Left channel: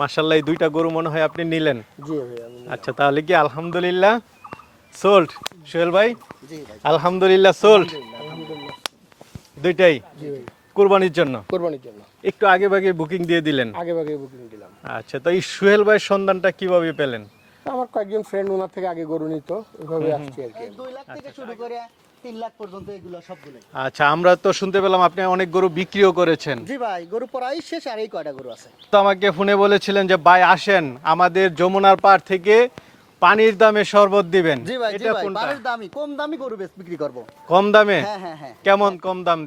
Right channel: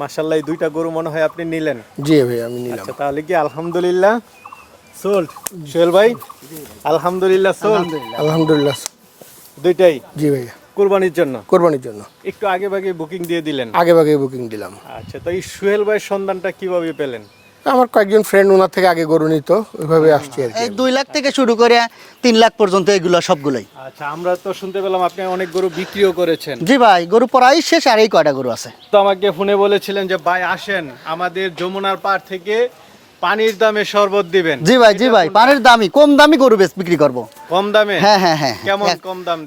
মাশাল্লাহ এই দুইটা গরু মনে হয় আপনি নিলেন। জি ভাই আমি নিলাম। আচ্ছা তাহলে কি আলহামদুলিল্লাহ? সোল্ড সোহেল ভাই? আলহামদুলিল্লাহ সোল্ড। আলহামদুলিল্লাহ দুইটাই? জি ভাই। কোরবানির জন্য? কোরবানির জন্য। একটু আগে ভাগে বুকিং দিয়ে দিলেন? আগে ভাগে বুকিং দিলাম। আচ্ছা তো এই সোহেল ভাই সন্ধানটা কীভাবে পেলেন? আমার কয়েকজন ফ্রেন্ড ওনার থেকে আগে গরু নিত ওইভাবে আসছি আর কি। এই দুই লাখ থেকে শুরু করে তিন লাখ পর্যন্ত এগুলো সবগুলোই। আচ্ছা আমরা তো শুনতে পেলাম আপনি অনেক গরু বিক্রিও করেছেন। জি ভাই গরু প্রায় শেষ আর এই কয়টা গরু আছে? তো আমাকে ফোনে বলেছিলেন যে ভাই আসেন আমাদের যমুনার পাড় থেকে পানির দামে শরবত দিবেন। জি ভাই জি ভাই পানির দামি কম দামি গরু বেশ বিক্রি করব। কম দামে? হ্যাঁ হ্যাঁ হ্যাঁ। কেমন হ্যাঁ। কম দাম।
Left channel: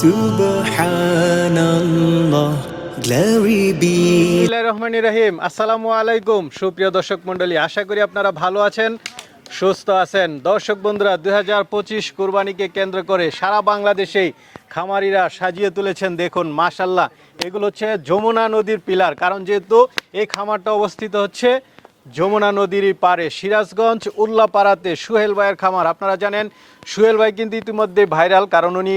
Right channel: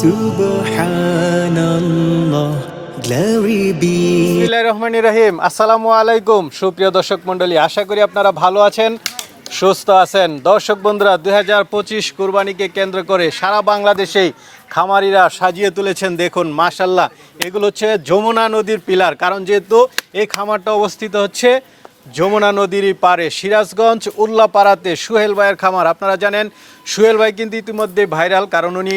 Glory be বিসমিল্লাহির রহমানির রহিম। আসসালামু আলাইকুম, সুপ্রিয় দর্শক মণ্ডলী, আশা করি আপনারা ভালো আছেন, সুস্থ আছেন। দর্শক বন্ধুরা, দুই হাজার পঁচিশ কুরবানিকে কেন্দ্র করে সারা বাংলাদেশেই খামারিরা সাজিয়ে তুলেছেন, দেখুন মাশাল্লাহ এগুলো হচ্ছে যমুনা নদীর পিলার। কারণ যেহেতু এই খামারটা অবস্থিত হচ্ছে যমুনা নদীরই পারে সিরাজগঞ্জ উল্লাপাড়াতে সুহেল ভাইয়ের খামার। আপনারা জানেন, সুহেল ভাই কিন্তু ইতিমধ্যে ভাইরাল, কারণ উনি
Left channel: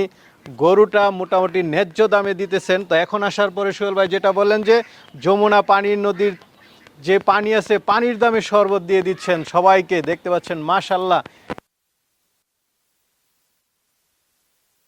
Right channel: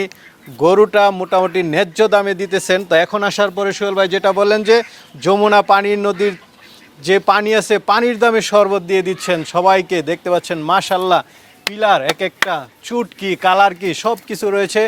গরুটা মোটামুটি ন্যায্য দামে দিতেছেন। তো এখন আসার পরে সোহেল ভাই যেটা বললেন যে, যমুনা পানির নদীর যে পানি আছে, পানির দামে শরবত দিয়ে দিচ্ছেন সবাইকে। দেখতে পাচ্ছেন মাশাল্লাহ পিলার, এক একটা চুট কি কালার কি সব কিছু রয়েছে।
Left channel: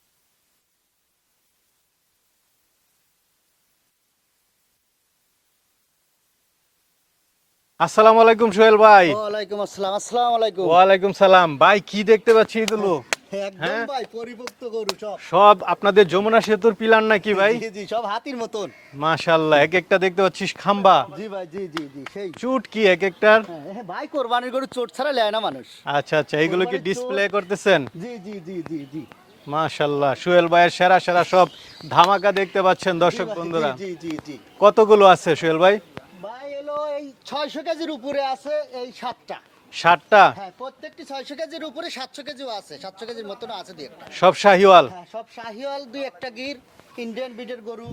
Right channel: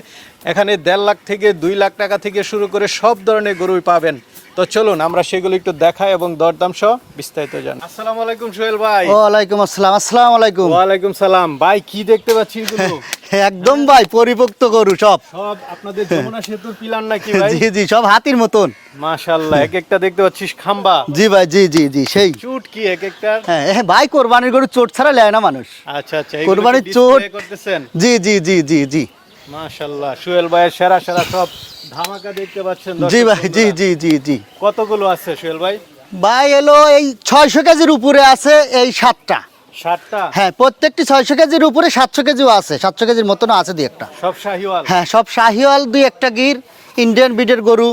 এখানে দেড় লাখ থেকে দুই লাখ টাকা থেকে শুরু করে সব ধরনের গরুই পাবেন। তো চলুন আমরা সেগুলো একটু দেখাই এবং দরদাম সহ বিস্তারিত জান আসসালামু আলাইকুম সোহেল ভাই। ওয়ালাইকুম আসসালাম আসসালাম আলাইকুম। ওয়ালাইকুম সালাম। ভাই কি দেখতে পাচ্ছি এগুলো একদম ভাই পরিপক্ত গরু সব। সব আপনাদের যমুনা সেতুর পিলার নাকি ভাই? জি জি সব হাতির মতন। মাশাল্লাহ এক একটা দেখতে পাচ্ছিস খাম্বা। জি ভাই জি জি জি সেই। চুট কি এক একটা? হ্যাঁ ভাই কোরবানির গরু চোট ছাড়া লেয় না মানুষ। আচ্ছা আচ্ছা কোরবানির চোট। করতেছেন? জি জি জি জি জি। ভাইয়ের সেরা সেরা সব ধামাকা দেখতে পাচ্ছেন জি ভাই জি জি জি জি। কতগুলো আছে ভাই? ভাই এলো এই ছয়শো কেজির উপরে আছে এই সাতটা। ষাটটা হ্যাঁ প্রত্যেকটি ছয়শো কেজির উপরে সাতশো কেজিও আছে সাতশো কেজির মতন আছে দুই একটা। সব শাহিওয়াল? হ্যাঁ সব শাহিওয়াল দুই একটা গির ইন্ডিয়ান বিডের গরু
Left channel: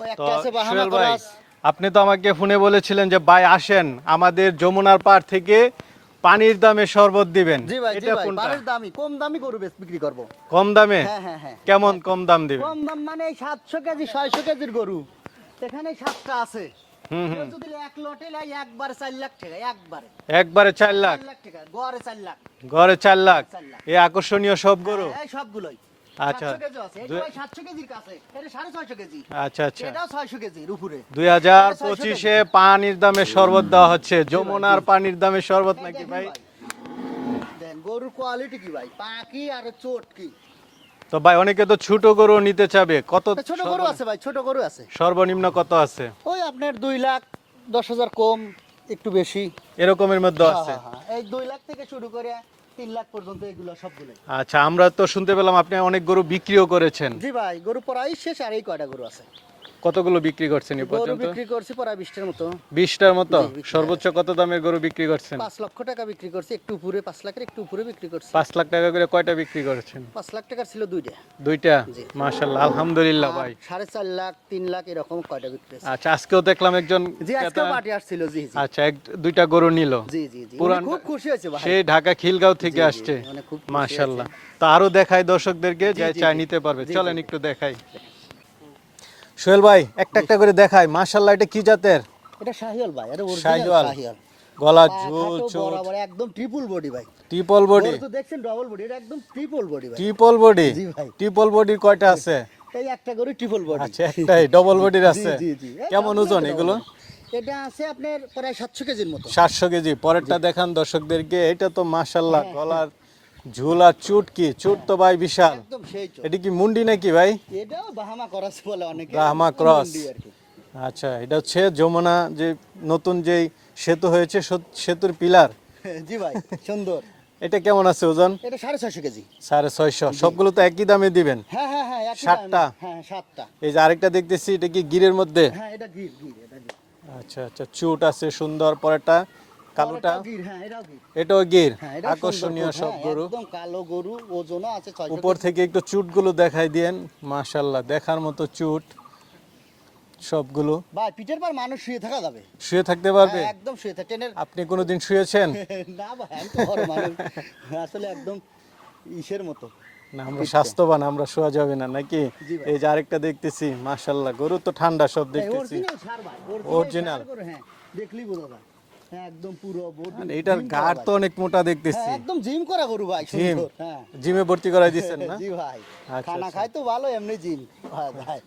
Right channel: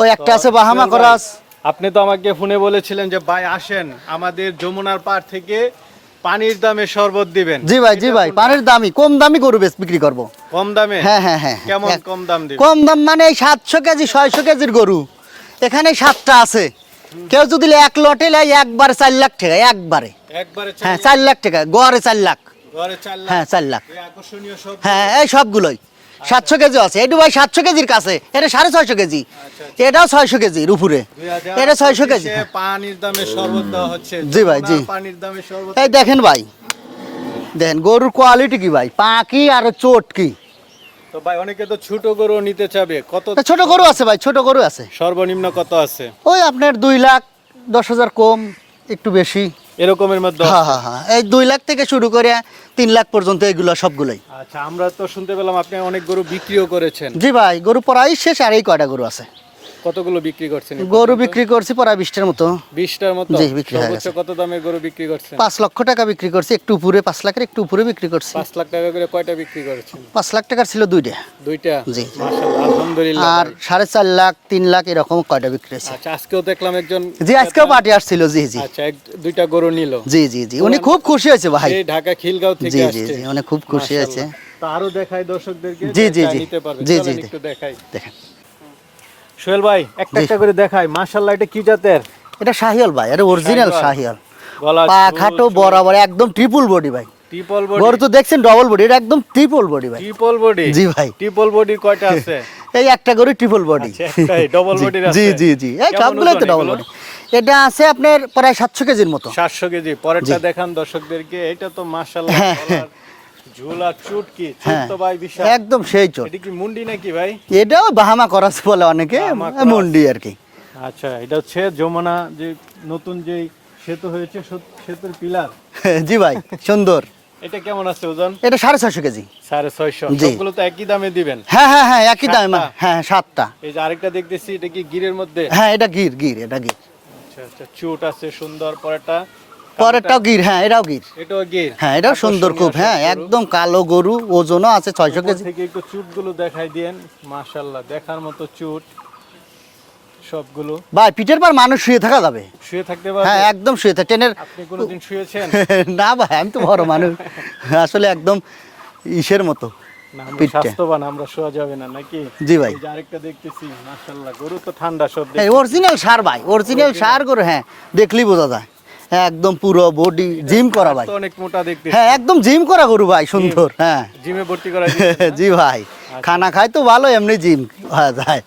ওই একটা আছে বাহামা করাস আপনি তো আমাকে ফোনে বলেছিলেন যে ভাই আসেন আমাদের যমুনার পাড় থেকে পানির দামে শরবত দিবেন। জি ভাই জি ভাই পানির দামি কম দামি গরু বেশ বিক্রি করব। কম দামে? হ্যাঁ হ্যাঁ হ্যাঁ কেমন হ্যাঁ। কম দাম দিবেন? কম দাম মানে এই সাতশো কেজি ছয়শো কেজির গরু। এখানে সাতটা আছে। কেউ যদি এক লটে লাই একবারে চার লাখ টাকা একবারে। একবারে চার হ্যাঁ লাখ, চার লাখ টাকা গড়ে চার লাখ। গড়ে চার লাখ? হ্যাঁ, চার লাখ। এই আকর্ষণীয় সব হ্যাঁ এই সবগুলোই। সাতশো কেজি আছে। এটু ভাই সাতশো কেজির কাছে। এটা সাড়ে ছয়শো কেজি। আচ্ছা, আচ্ছা। এটাও ছয়শো কেজির উপরে। এটা ছয়শো কেজি। পানির দামে শরবত দেওয়া হচ্ছে। জি ভাই, জি। পানির দামে শরবত এই দেখেন ভাই। দেখেন গরুর কোয়ালিটি কি ভাই? পাকি আর চোট কি? তো ভাই অনেকে তো ছোট গরু নিতে চাবে। কত ছোট গরু আছে ভাই ছোট গরু আছে। সর্বনিম্ন কত আছে? ওই আপনার দুই লাখ দশ হাজার কম একটু বেশি। এরকমের মধ্যে হ্যাঁ? হ্যাঁ হ্যাঁ। এই দুই লাখ থেকে শুরু করে তিন লাখ পর্যন্ত এগুলো সবগুলোই। আচ্ছা আমরা তো শুনতে পেলাম আপনি অনেক গরু বিক্রিও করেছেন। জি ভাই গরু প্রায় শেষ আর এই কয়টা গরু আছে? কতগুলো বিক্রি করছেন গরু বিক্রি করছি প্রায় বিশটার মতো। বিশটার মতো? জি, বিক্রি সর্বোচ্চ। কত দামের গরু বিক্রি করছেন? পাঁচ লক্ষ টাকা বিক্রি করছি একটু উপরে পাঁচ লাখের একটু উপরে বিক্রি করছি। পাঁচ লাখ টাকা করে কয়টা বিক্রি করেছেন? পাঁচ লাখ টাকার ছিল দুইটা। দুইটা? জি। মাশাআল্লাহ আলহামদুলিল্লাহ আর সাড়ে চার লাখ তিন লাখ এরকম কয়টা বিক্রি হয়েছে। আচ্ছা আজকেও দেখলাম একজন জি আজকেও পার্টি আসছিল জি জি। আচ্ছা এক দুইটা গরু নিল। জি জি জি। উনি খুব খুশি হয়েছে ভাই। ঢাকা খিলগাঁও থেকে জি, জি, জি, উনি খুব খুশি হয়েছে। মাশাআল্লাহ। তা আরও দেখাই দর্শকদেরকে জি, জি, জি। নিতে পারবে। চলেন একটু দেখাই। দেখেন। সোহেল ভাই একটা একটা করে দেখাই। মাশাআল্লাহ এটা কি জাতের? এটা শাহিয়াল ভাই এটা অরিজিনাল শাহিয়াল। পা খাটো বরাবর একদম ট্রিপল বডি ভাই। ট্রিপল বডি গরু তো দেখছেন ডবল বডি এটা একদম ট্রিপল বডি ভাই। ট্রিপল বডি জি ভাই। ট্রিপল বডির কয়টা আছে? এই একটা গরু ট্রিপল বডি double body র জি জি জি। এই সবগুলোই তো ডবল বডি এটা আছে আপনার প্রায় সাতশো কেজির মতো। 700 কেজি। পরেরটা দেখান দর্শকদেরকে। এটা তো মাশাআল্লাহ হ্যাঁ, গলার ঝোলা চুটকি চুট হ্যাঁ। তো ভাই বিশাল। একদম সেই চোট। এটা কি মুন্ডি নাকি ভাই? এটাও বাহামা করাস বলে অনেকে মুন্ডি আর কি। আচ্ছা এটা হচ্ছে যমুনা যে নতুন যেই সেতু হয়েছে সেতুর পিলার। জি ভাই সুন্দর। এটা কেমন আছে ওজন? এটা সাড়ে ছয়শো কেজি। সাড়ে ছয়শো। সবগুলো তো একই দামে দিবেন। হ্যাঁ হ্যাঁ হ্যাঁ একই দাম? হ্যাঁ সাতটা। এই যে আরেকটা দেখতেছি এটা কি গিরের মধ্যে? হ্যাঁ এটা গির গির এটা গির। আচ্ছা আচ্ছা চুট আছে সুন্দর পরেরটা পরেরটাও গির হ্যাঁ এটাও গির। এটাও গির। হ্যাঁ এটাও সুন্দর খুব হ্যাঁ একদম কালো গরু ওজনও আছে ছয়শো কেজি। থেকে একটু চুটগুলো দেখাই মাশাল্লাহ দেখার মতো চুট সবগুলো। ভাই পিঠের পর মানুষ শুয়ে থাকা যাবে। শুয়ে থাকতে হ্যাঁ একদম শুয়ে থাকে ট্রেনের আপনি কোনোদিন শুয়েছেন? না ভাই আমি তো বড় মানুষ। আসলে একদম ইসের মতো স্বাস্থ্যবান আমরা শোয়া যাবে না নাকি? জি ভাই। এই যে আরেকটা দেখতেছি গরু তো ঠান্ডা সব হ্যাঁ অরিজিনাল সার ভাই অরিজিনাল সার করে হ্যাঁ দেখলেই বোঝা যায়। একদম পুরো বডি জিম করা ভাই। অনেক মোটা দেখতেছি। হ্যাঁ একদম জিম করা গরু ভাই সুন্দর হ্যাঁ। জিমে ভর্তি করা? জি ভাই খানা খাই তো ভালো এমনি জিম হয়ে যায়।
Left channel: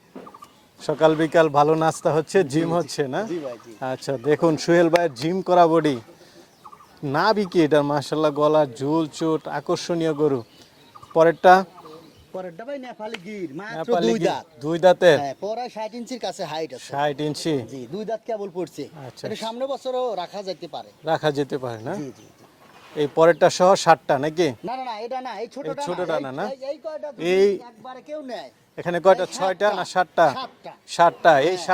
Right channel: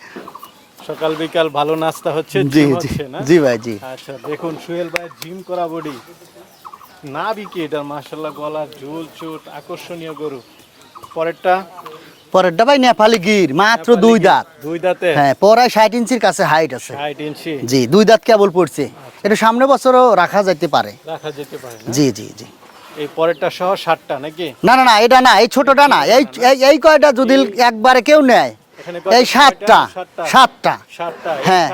সকাল বিকাল ভালো নাস্তা হচ্ছে জি জি জি ভাই জি। আচ্ছা দেখুন সোহেল ভাইয়ের জিম করা বডি না বিকি এটা মাশাল্লাহ গলা ঝোল চোট আকর্ষণীয় গরু। পরেরটা? পরেরটা ভাই নেপালি গির মাত্র দুই। দাঁত। দুই দাঁতে হ্যাঁ পরায় ষাট ইঞ্চির কাছে হাইট আছে। ষাট ইঞ্চি? জি দুই দাঁত কেবল পড়ছে। আচ্ছা। এটা সামনে বছরও রাখা যেতে পারে। রাখা যেতে পারে জি জি জি। এই পরেরটা সহ ষাটটা নাকি? না না না এটা না এই ছোটটা না এই এই- কয়টা যদি একবারে কেউ নেয় এই সাতটা সাতটা? সাতটা। হ্যাঁ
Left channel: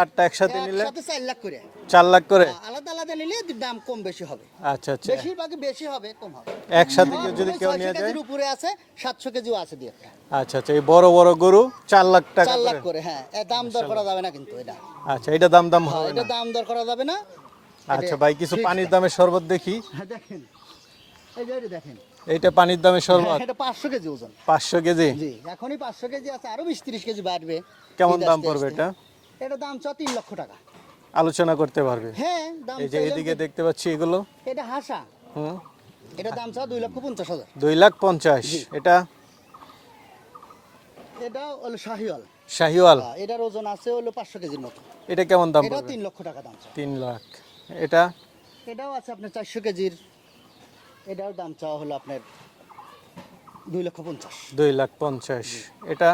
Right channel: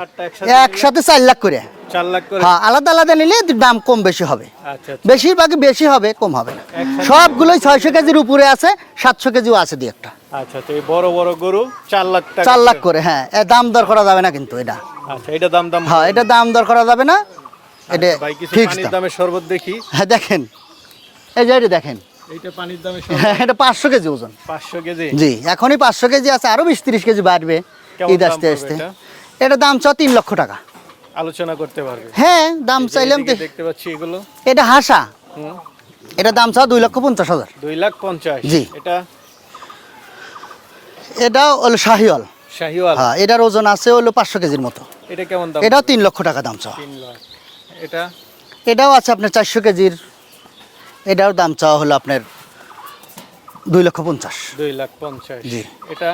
একসাথে চার লাখ করে। চার লাখ করে? হ্যাঁ আলাদা আলাদা নিলে দাম কম বেশি হবে। আচ্ছা আচ্ছা। বেশিরভাগই বেশি হবে কম হবে না। একসাথে সবগুলোই ছয়শো কেজির উপরে আছে সাতশো কেজিও আছে দুই একটা। আচ্ছা আচ্ছা এই বড় বড় গরু চার লাখ চার লাখ করে। করে হ্যাঁ দাম দর করা যাবে না কিন্তু এটা। আচ্ছা এটা দাম দাম হ্যাঁ এটা দাম দর করা যাবে না। এটা আচ্ছা, ভাই কিছু পানির দামে শরবত দেখি। হ্যাঁ দেখেন। এই যে এটা দেখেন। এইটা পানির দামে হ্যাঁ শরবত এটা পাঁচশো কেজি ওজন। পাঁচশো কেজি? জি এখনই পাঁচশো কেজি আছে আরও বিশ তিরিশ কেজি বাড়বে ঈদ আসতে আসতে। এটা? এটা দাম চ তিন লক্ষ টাকা। আলোচনা করতে পারবে। হ্যাঁ দাম চাইলাম দেখতে পাচ্ছি এগুলো। এটা হাসা। এটা দাম চাও দুই লক্ষ পঞ্চাশ হাজার। দুই লাখ পঞ্চাশ। জি। এটা? এটা হলো শাহিওয়াল। শাহিওয়াল। হ্যাঁ এটার ওজন আছে হলো পাঁচশো কেজির মতো। এটা কেমন দাম? এটাও তিন লক্ষ টাকা দাম চাওয়া। তিন লাখ। এটা? এটাও আছে আপনার চারশো কেজির। এটাও দাম চাওয়া হলো আপনার দুই লক্ষ পঞ্চাশ। দুই লাখ পঞ্চাশ। জি। এটা?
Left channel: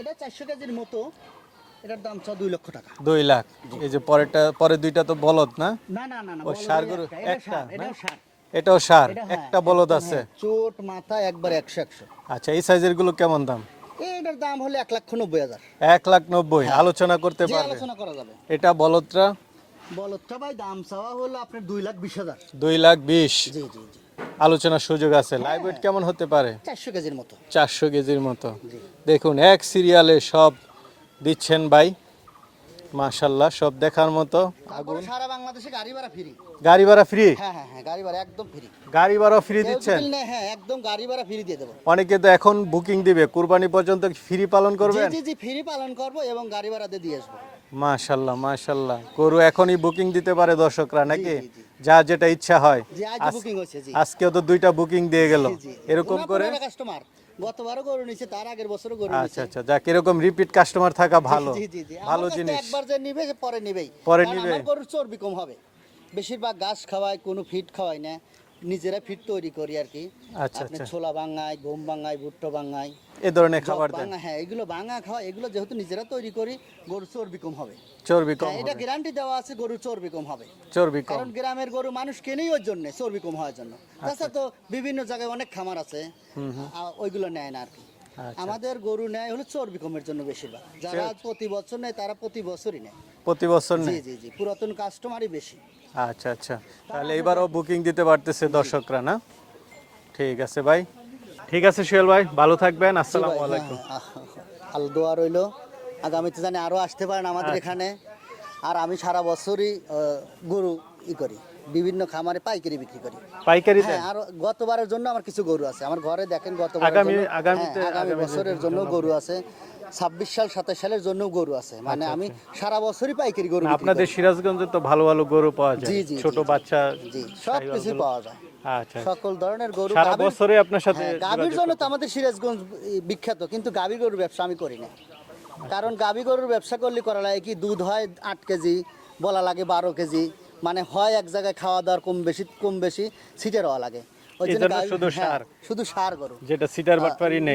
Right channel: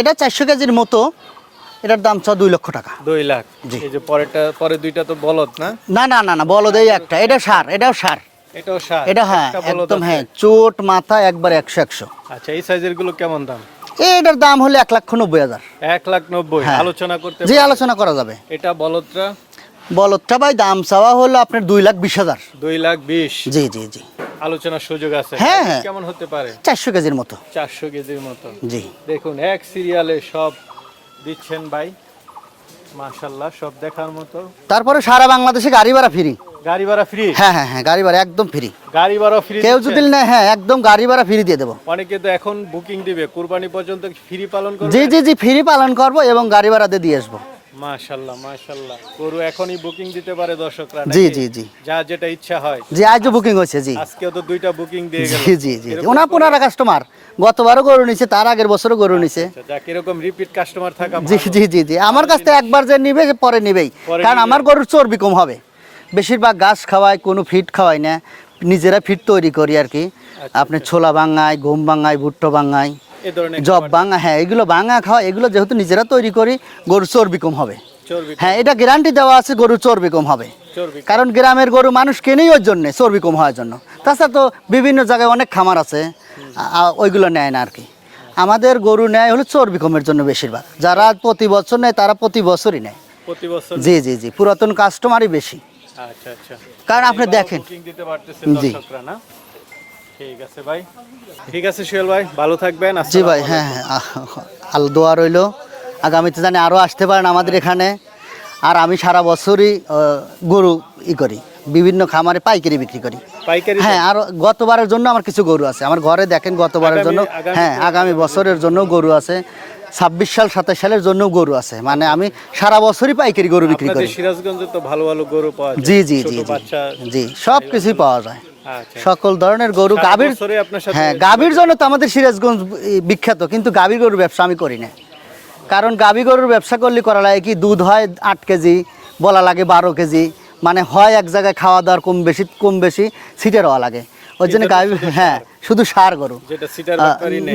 এটা চারশো কেজির মতো। এটার দাম চাওয়া দুই লক্ষ টাকা। দুই লাখ। জি। এই যে পরেরটা পরে দুইটা তো বলদ না? না না না না বলদেই একটা। এটা সার এটাও সার। এটাও সার। এটা হ্যাঁ একদম হ্যাঁ চোট মাথা একবার একশো একশো। আচ্ছা এই সাইজেরগুলো কেমন দাম? এটার দাম হলো এক লক্ষ নব্বই হাজার। এক লাখ নব্বই। হ্যাঁ। আলোচনা করতে যে আলোচনা করা যাবে। এটা বলদটা বলদটা ভাই দাম চাওয়া হলো আপনার দুই লাখ বিশ হাজার। দুই লাখ বিশ। জি জি জি। আলোচনার সুযোগ আছে। হ্যাঁ, হ্যাঁ। কেমন হতে পারে? চারশো কেজির মতো। চারশো কেজির মতো। জি। দেখুন এক সিরিয়ালে সব দিচ্ছেন ভাই। মাশাল্লাহ সব দেখার মতো। তারপরে সারা বাংলাদেশে গাড়ি ভাড়া ফ্রি গাড়ি ভাড়া ফ্রি হ্যাঁ হ্যাঁ হ্যাঁ গাড়ি ভাড়া একদম ফ্রি গাড়ি ভাড়া ফ্রি কেউ যদি নেয় হ্যাঁ একদম গাড়ি ভাড়া ফ্রি দিয়ে দেবো। অনেকে তো এখন বুকিং দিবে। কুরবানি পর্যন্ত ফ্রি পালন করবে? জি জি জি ফ্রি পালন করব এবং গাড়ি ভাড়া দিয়ে আসব। মাশাল্লাহ মাশাল্লাহ। গরু এখনই বুকিং দিতে পারে দর্শকরা জি, জি, জি। যা যেটা ইচ্ছা হয়। জি আজও বুকিং হয়েছে জি। আজকেও তো দুইটা বুকিং দিয়ে গেল। জি জি জি ওনা পুনারা কাস্টমার গতবারও গরু নিছে তার আগের বছরও গরু নিছে। আচ্ছা, যাক এরকম রিপিট কাস্টমার থাকা জি ভালো। জি জি জি। আমার কাছ থেকে একবার যে নিবে পরে নিবেই। কারণ আমার গরুর চর্বি কম হবে। বেশিরভাগ ঘাস খাওয়াই কোনো ফিট খাওয়াই না। নিজেরা ফিট তৈরি করি আর কি। আচ্ছা, আপনি ছোলা বাঙাই গম বাঙাই ভুট্টো ধরনের জব খাবার বাঙা হ্যাঁ এগুলো বাঙা খাওয়া এগুলো যেহেতু নিজেরা তৈরি করি গরুর চর্বি কম হবে। হ্যাঁ এটা গ্যারান্টি দেওয়া আছে গরুর চর্বি কম হবে। কারণ গ্রামের গরু মানুষ কেনেই ওর জন্যে চর্বি কম হওয়ার জন্য। তাছাড়া তো বিভিন্ন জায়গায় অনেক খামার আছে ওইগুলো নেয় না আর কি। আমাদের গরু নেয় হলো চর্বি কমের জন্য বেশিরভাগ। যারা প্রতি বছর নেয় তারা প্রতি বছরই নেয়। প্রতি বছর জি জি জি পুরাতন কাস্টমারই বেশি। আচ্ছা আচ্ছা। কারণ আপনি দেখেন। বুকিং দিতে পারতেছেন জি। দর্শকরা না? ঠিক আছে ভাই। ঠিক আছে শিয়াল ভাই ভালো থাকবেন জি ভাই হ্যাঁ হ্যাঁ আল দোয়া রইল। আগামীতে জানি আরও আসতে পারেন আমাদের এখানে। আর আমি সারা বছরই গরু ই করি। বিভিন্ন খামারে পাইকারি বিক্রি করি। হ্যাঁ আর গতবারের জন্য আমার কিছু গরু আছে। আমার ঘরে দেখেন গতবারের জন্য। হ্যাঁ আগামী বছরের জন্য গরু আছে। ছাব্বিশ সাল সাতাশ সালের জন্য গরু আছে। মানে আমি সারা বছরই পাইকারি গরু বিক্রি করি। সিরাজগঞ্জে তো ভালো ভালো গরু পাওয়া যায়। জি জি জি জি। সব কিছুই পাওয়া যায়। আচ্ছা। সকল ধরনের গরু। গাভীর হ্যাঁ গাভীর জন্য তো আমাদের সিরাজগঞ্জ বিখ্যাত কিন্তু গাভী গরুর ব্যবসা আমি করি না। কারণ গাভী গরুর ব্যবসা করলে করা লাগে কি দুধ হয় আট কেজি বলা লাগে বারো কেজি। মানে হয় এক জায়গায় খাওয়া দাওয়ার কম বেশি কম বেশি সিটের হওয়া লাগে। ওই জন্য গাভী হ্যাঁ শুধু সার গরু।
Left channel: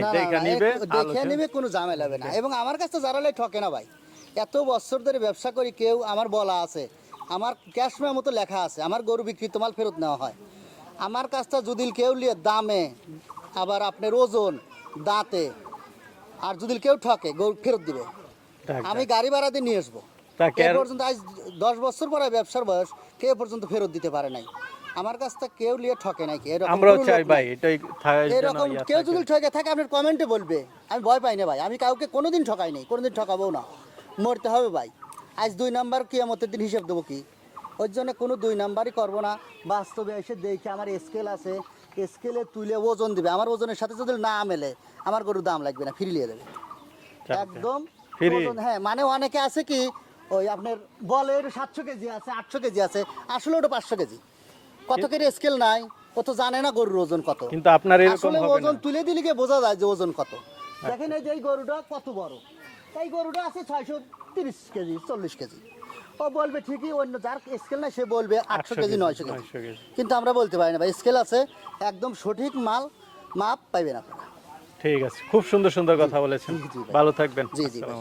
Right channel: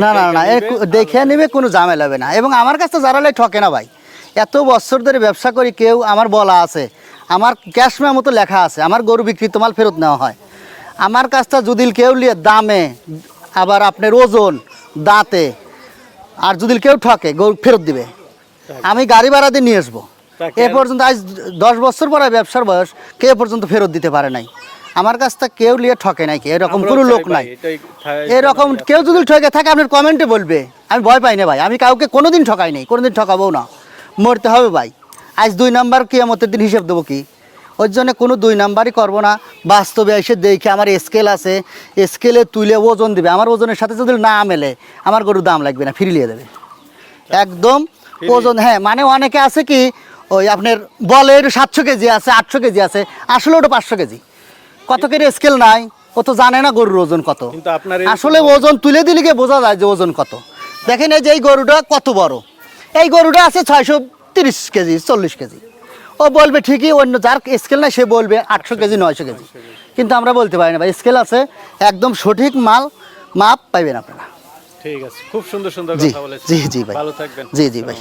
না না না দেখে নেবে, কোনো ঝামেলা হবে না। এবং আমার কাছে যারা লাই ঠকে না ভাই। এত বছর ধরে ব্যবসা করি কেউ আমার বলা আছে। আমার ক্যাশ মতো লেখা আছে। আমার গরু বিক্রি তোমার ফেরত নেওয়া হয়। আমার কাছটা যদি কেউ লিয়ে দামে আবার আপনার ওজন দাঁতে আর যদি কেউ ঠকে গরু ফেরত দিবে। আমি গাড়ি ভাড়া দিয়ে নিয়ে আসব। এ পর্যন্ত আজ দশ বছর পরে ব্যবসার বয়স কে এ পর্যন্ত ফেরত দিতে পারে নাই? আমার কাছ থেকে কেউ নিয়ে ঠকে নাই কি? এরকম কোনো লোক নাই। এরকম কেউ যদি ঠকে থাকে আপনার কমেন্টে বলবে। আমি ভয় পাই না ভাই। আমি কাউকে কোনোদিন ঠকাই নাই কোনোদিন ঠকাবো না। মরতে হবে ভাই। আজ দুই নাম্বার কিয়ামতের দিন হিসেব দেবো কি? ওর জন্য কোনো দুই নাম্বারই করব না। বাস্তবে এসে দেখে আমার স্কেল আছে। স্কেলে তুলে ওজন দেবে। আমার ওজনের সাথে যদি না মেলে আমার গরুর দাম লাগবে না ফিরিয়ে দেবে। একদম ওজন হ্যাঁ মানে অনেকে আছে কি ওই আপনার বলের সাতশো কেজি আছে আটশো কেজি আছে। আসলে ওটা পাঁচশো কেজি। কত কেজি স্কেল নাই ও তো জানে না গরুর ওজন কত। আসলে ওজন তুলে দিলে গিয়ে বোঝা যায় যে ওজন কত। দেখেন এই যে এই গরুটা কত বড়। এই গরুটা আছে ছয়শো তিরিশ কেজি চল্লিশ কেজি। ও বলবে ঠিকই অন্য যার স্কেল নাই সে বলবে আটশো কেজি নয়শো কেজি। কিন্তু আমরা বলতে পারি না ভাই স্কেল আছে একদম সঠিক মাল মাপ পাইবেন আপনারা। ঠিক আছে খুব সুন্দর সুন্দর জি কথা বলেছেন। জি জি ভাই। ভালো থাকবেন। জি জি ভাই।